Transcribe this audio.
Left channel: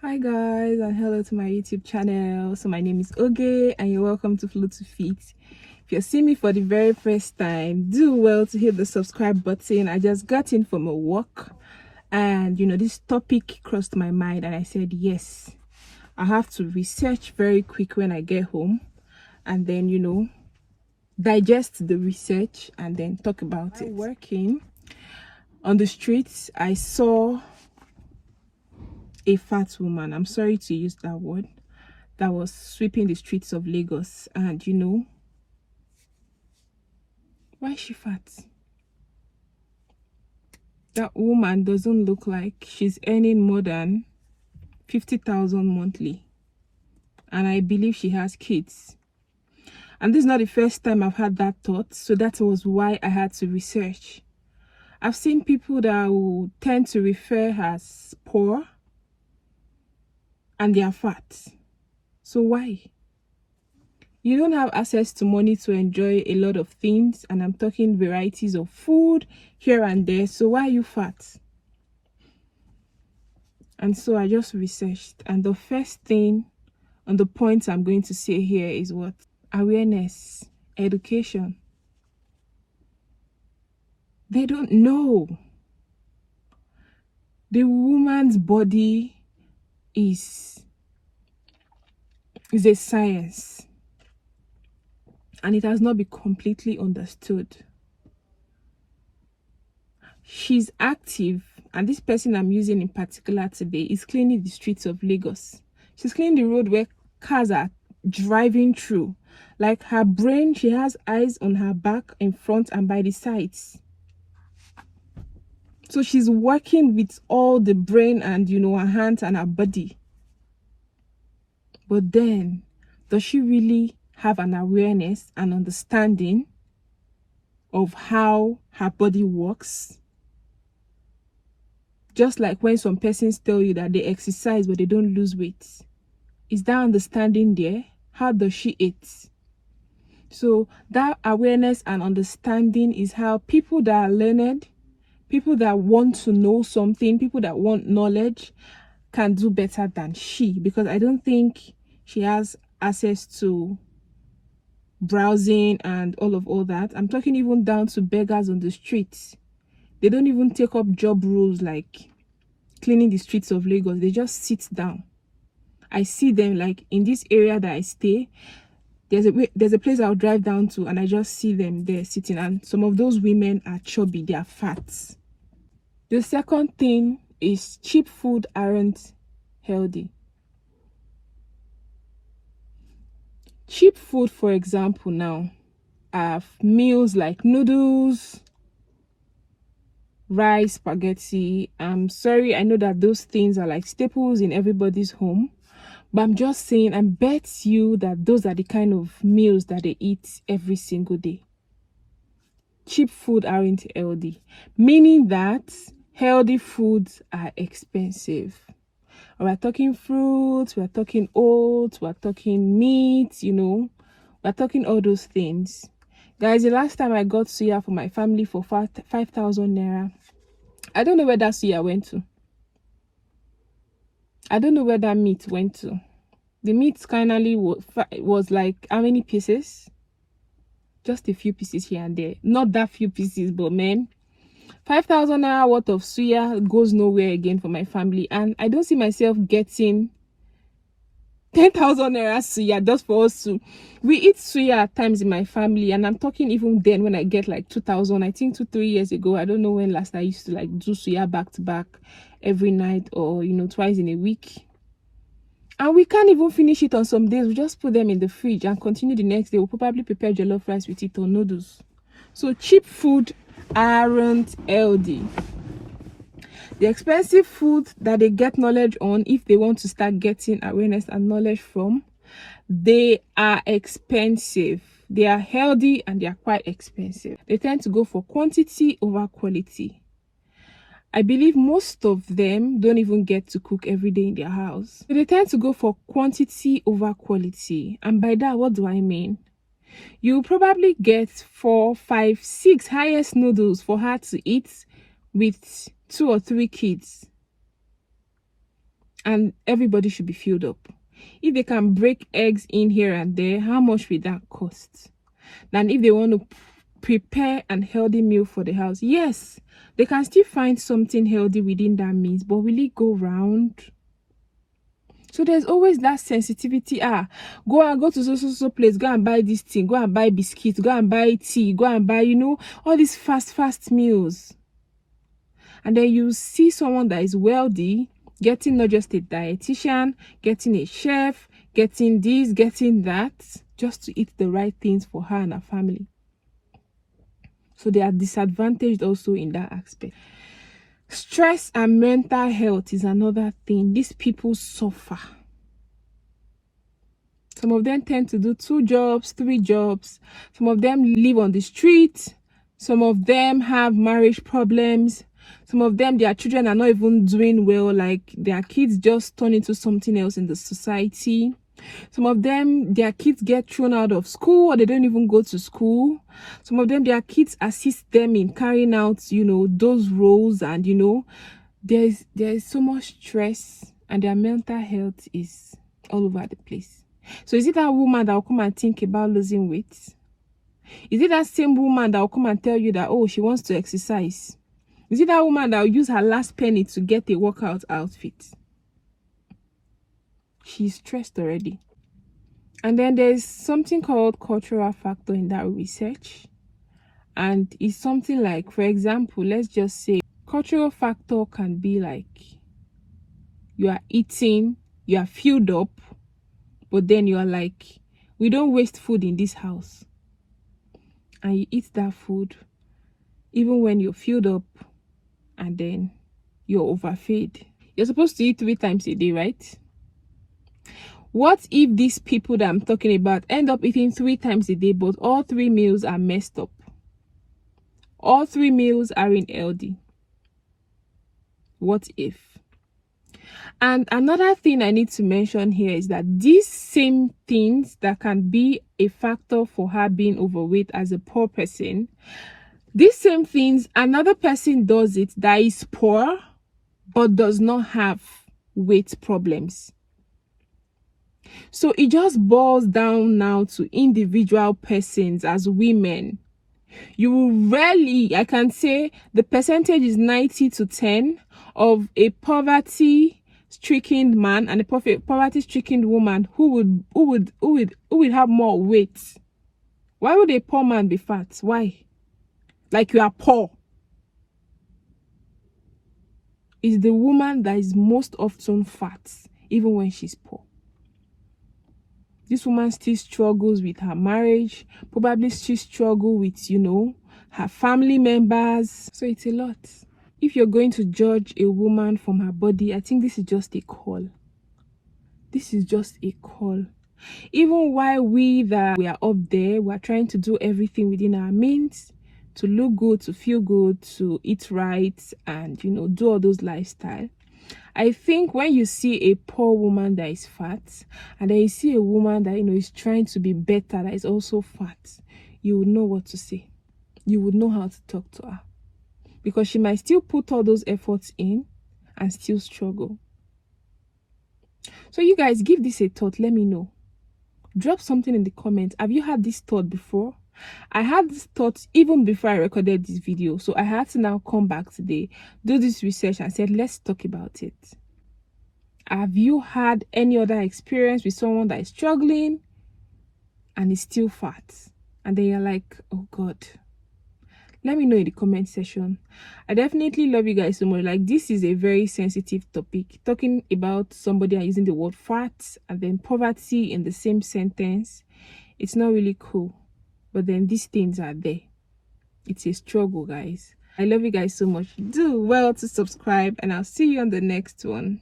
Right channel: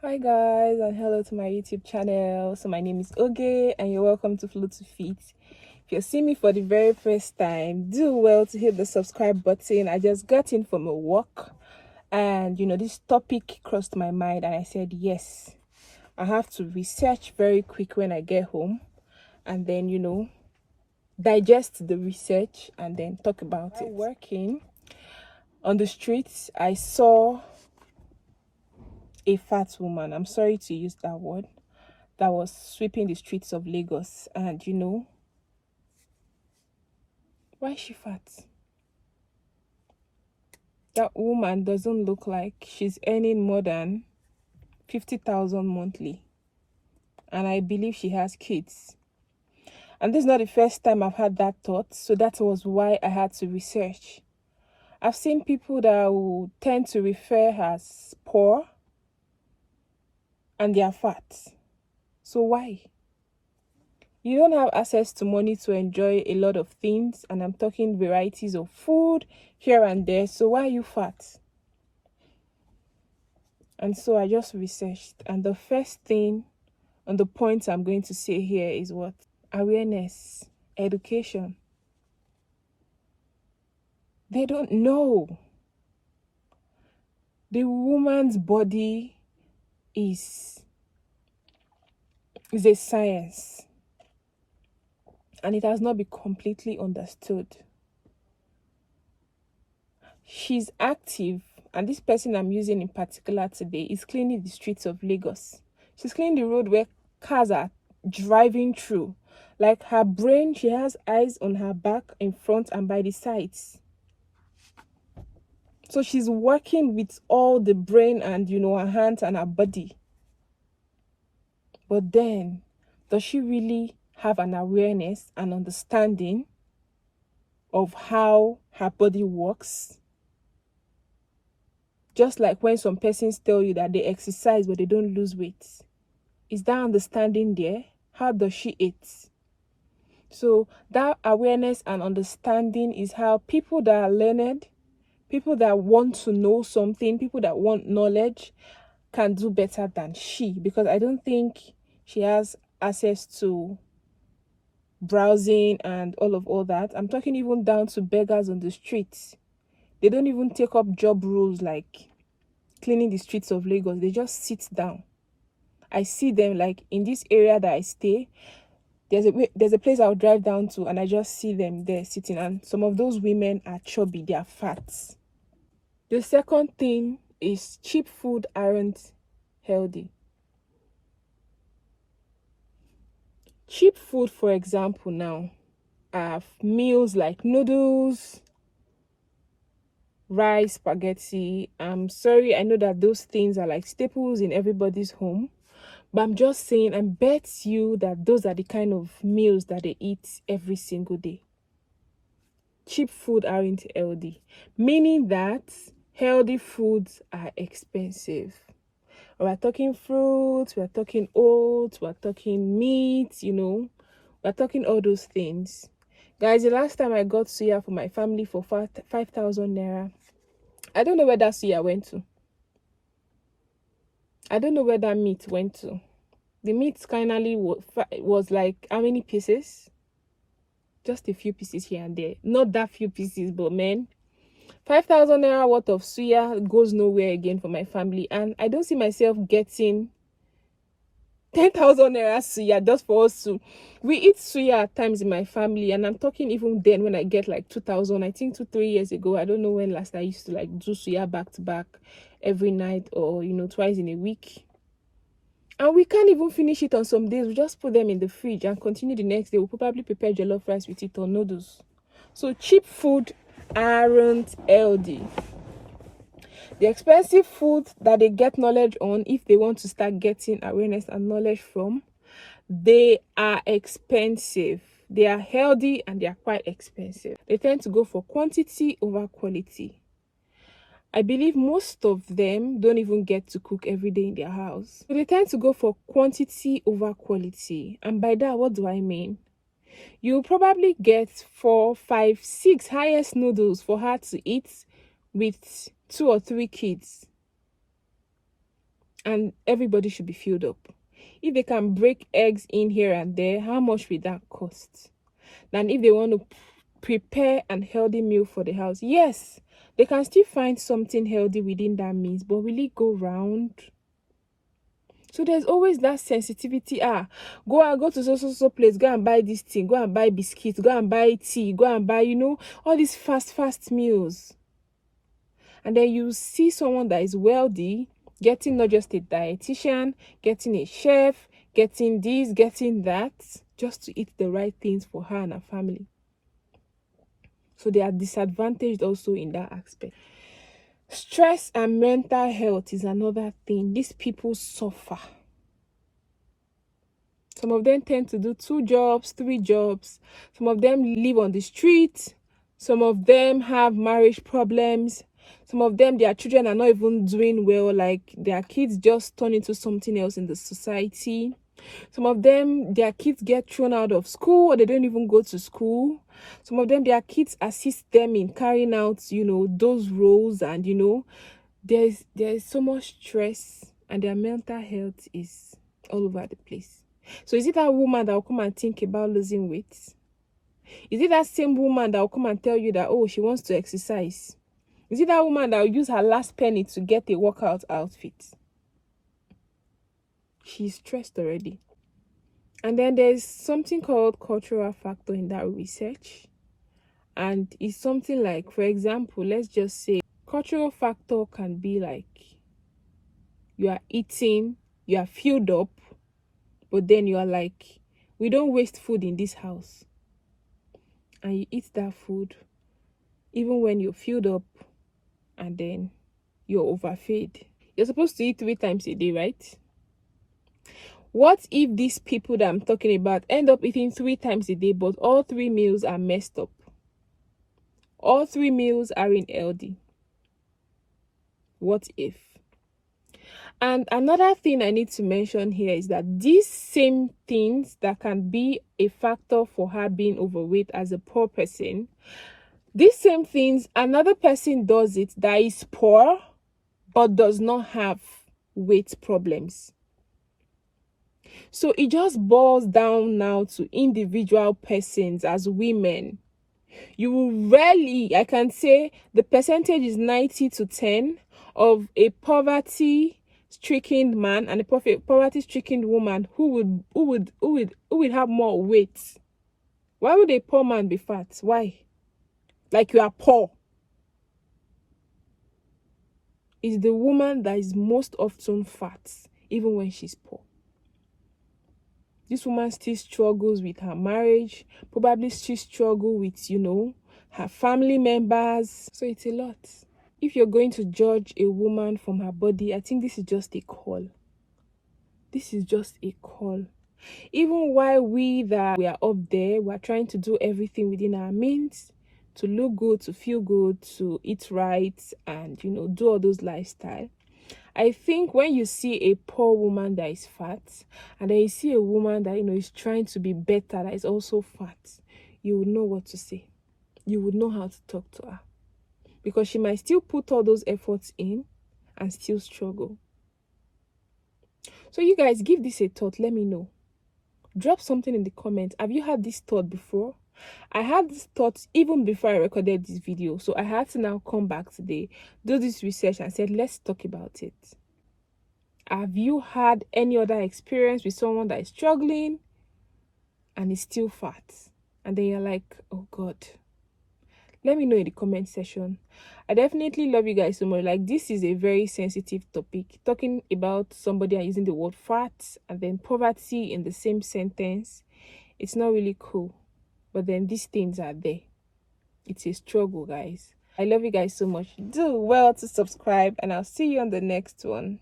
Hi guys, and hello to my YouTube channel. So my name is Oge and you're welcome to Flow to Fit. If you're seeing me for the very first time, do well to hit the subscribe button. I just got in from a walk and this topic crossed my mind and I said yes, I have to research very quick when I get home and then digest the research and then talk about it. Working on the streets, I saw a fat woman, I'm sorry to use that word, that was sweeping the streets of Lagos. And why is she fat? That woman doesn't look like she's earning more than 50,000 monthly, and I believe she has kids. And this is not the first time I've had that thought, so that was why I had to research. I've seen people that will tend to refer as poor and they are fat. So why? You don't have access to money to enjoy a lot of things, and I'm talking varieties of food here and there, so why are you fat? And so I just researched, and the first thing on the points I'm going to say here is what? Awareness, education. They don't know. The woman's body is a science, and it has not been completely understood. She's active, and this person I'm using in particular today is cleaning the streets of Lagos. She's cleaning the road where cars are driving through. Like, her brain, she has eyes on her back, in front, and by the sides. So she's working with all the brain and her hands and her body. But then, does she really have an awareness and understanding of how her body works? Just like when some persons tell you that they exercise but they don't lose weight. Is that understanding there? How does she eat? So that awareness and understanding is how people that are learned, people that want to know something, people that want knowledge can do better than she. Because I don't think she has access to browsing and all that. I'm talking even down to beggars on the streets. They don't even take up job roles like cleaning the streets of Lagos. They just sit down. I see them, like in this area that I stay, there's a place I'll drive down to and I just see them there sitting, and some of those women are chubby, they are fat. The second thing is cheap food aren't healthy. Cheap food, for example, now are meals like noodles, rice, spaghetti. I'm sorry, I know that those things are like staples in everybody's home, but I'm just saying, I bet you that those are the kind of meals that they eat every single day. Cheap food aren't healthy, meaning that healthy foods are expensive. We're talking fruits, we're talking oats, we're talking meat, we're talking all those things. Guys, the last time I got suya for my family for 5,000 naira, I don't know where that suya went to. I don't know where that meat went to. The meat finally was like, how many pieces? Just a few pieces here and there. Not that few pieces, but man, 5,000 naira worth of suya goes nowhere again for my family. And I don't see myself getting 10,000 naira suya just for us to. We eat suya at times in my family, and I'm talking even then when I get like 2,000. I think 2-3 years ago. I don't know when last I used to like do suya back to back every night, or twice in a week. And we can't even finish it on some days. We just put them in the fridge and continue the next day. We'll probably prepare jollof rice with it or noodles. So cheap food aren't healthy. The expensive food that they get knowledge on, if they want to start getting awareness and knowledge from, they are expensive. They are healthy and they are quite expensive. They tend to go for quantity over quality. I believe most of them don't even get to cook every day in their house. So they tend to go for quantity over quality. And by that, what do I mean? You'll probably get 4, 5, 6 highest noodles for her to eat with 2 or 3 kids. and everybody should be filled up. If they can break eggs in here and there, how much will that cost? Than if they want to prepare an healthy meal for the house. Yes, they can still find something healthy within that means, but will it go round? So there's always that sensitivity. Go to so place, go and buy this thing, go and buy biscuits, go and buy tea, go and buy, all these fast meals. And then you see someone that is wealthy getting not just a dietitian, getting a chef, getting this, getting that, just to eat the right things for her and her family. So they are disadvantaged also in that aspect. Stress and mental health is another thing. These people suffer. Some of them tend to do 2 jobs, 3 jobs. Some of them live on the street. Some of them have marriage problems. Some of them, their children are not even doing well. Like their kids just turn into something else in the society. Some of them, their kids get thrown out of school or they don't even go to school. Some of them, their kids assist them in carrying out, those roles. And, there is so much stress and their mental health is all over the place. So is it that woman that will come and think about losing weight? Is it that same woman that will come and tell you that, oh, she wants to exercise? Is it that woman that will use her last penny to get a workout outfit? She's stressed already. And then there's something called cultural factor in that research. And it's something like, for example, let's just say cultural factor can be like you are eating, you are filled up, but then you are like, we don't waste food in this house. And you eat that food even when you're filled up and then you're overfed. You're supposed to eat 3 times a day, right? What if these people that I'm talking about end up eating 3 times a day, but all 3 meals are messed up? All 3 meals are unhealthy. What if? And another thing I need to mention here is that these same things that can be a factor for her being overweight as a poor person, these same things, another person does it that is poor but does not have weight problems. So it just boils down now to individual persons as women. You rarely, I can say the percentage is 90 to 10 of a poverty-stricken man and a poverty-stricken woman who would have more weight. Why would a poor man be fat? Why? Like you are poor. It's the woman that is most often fat, even when she's poor. This woman still struggles with her marriage, probably still struggles with, her family members. So it's a lot. If you're going to judge a woman from her body, I think this is just a call. This is just a call. Even while we are up there, we're trying to do everything within our means to look good, to feel good, to eat right, and, do all those lifestyle. I think when you see a poor woman that is fat, and then you see a woman that, is trying to be better, that is also fat, you would know what to say. You would know how to talk to her. Because she might still put all those efforts in and still struggle. So you guys, give this a thought. Let me know. Drop something in the comments. Have you had this thought before? I had this thought even before I recorded this video. So I had to now come back today, do this research and said, let's talk about it. Have you had any other experience with someone that is struggling and is still fat? And then you're like, oh God. Let me know in the comment section. I definitely love you guys so much. Like, this is a very sensitive topic. Talking about somebody and using the word fat and then poverty in the same sentence, it's not really cool. But then these things are there. It's a struggle, guys. I love you guys so much. Do well to subscribe and I'll see you on the next one.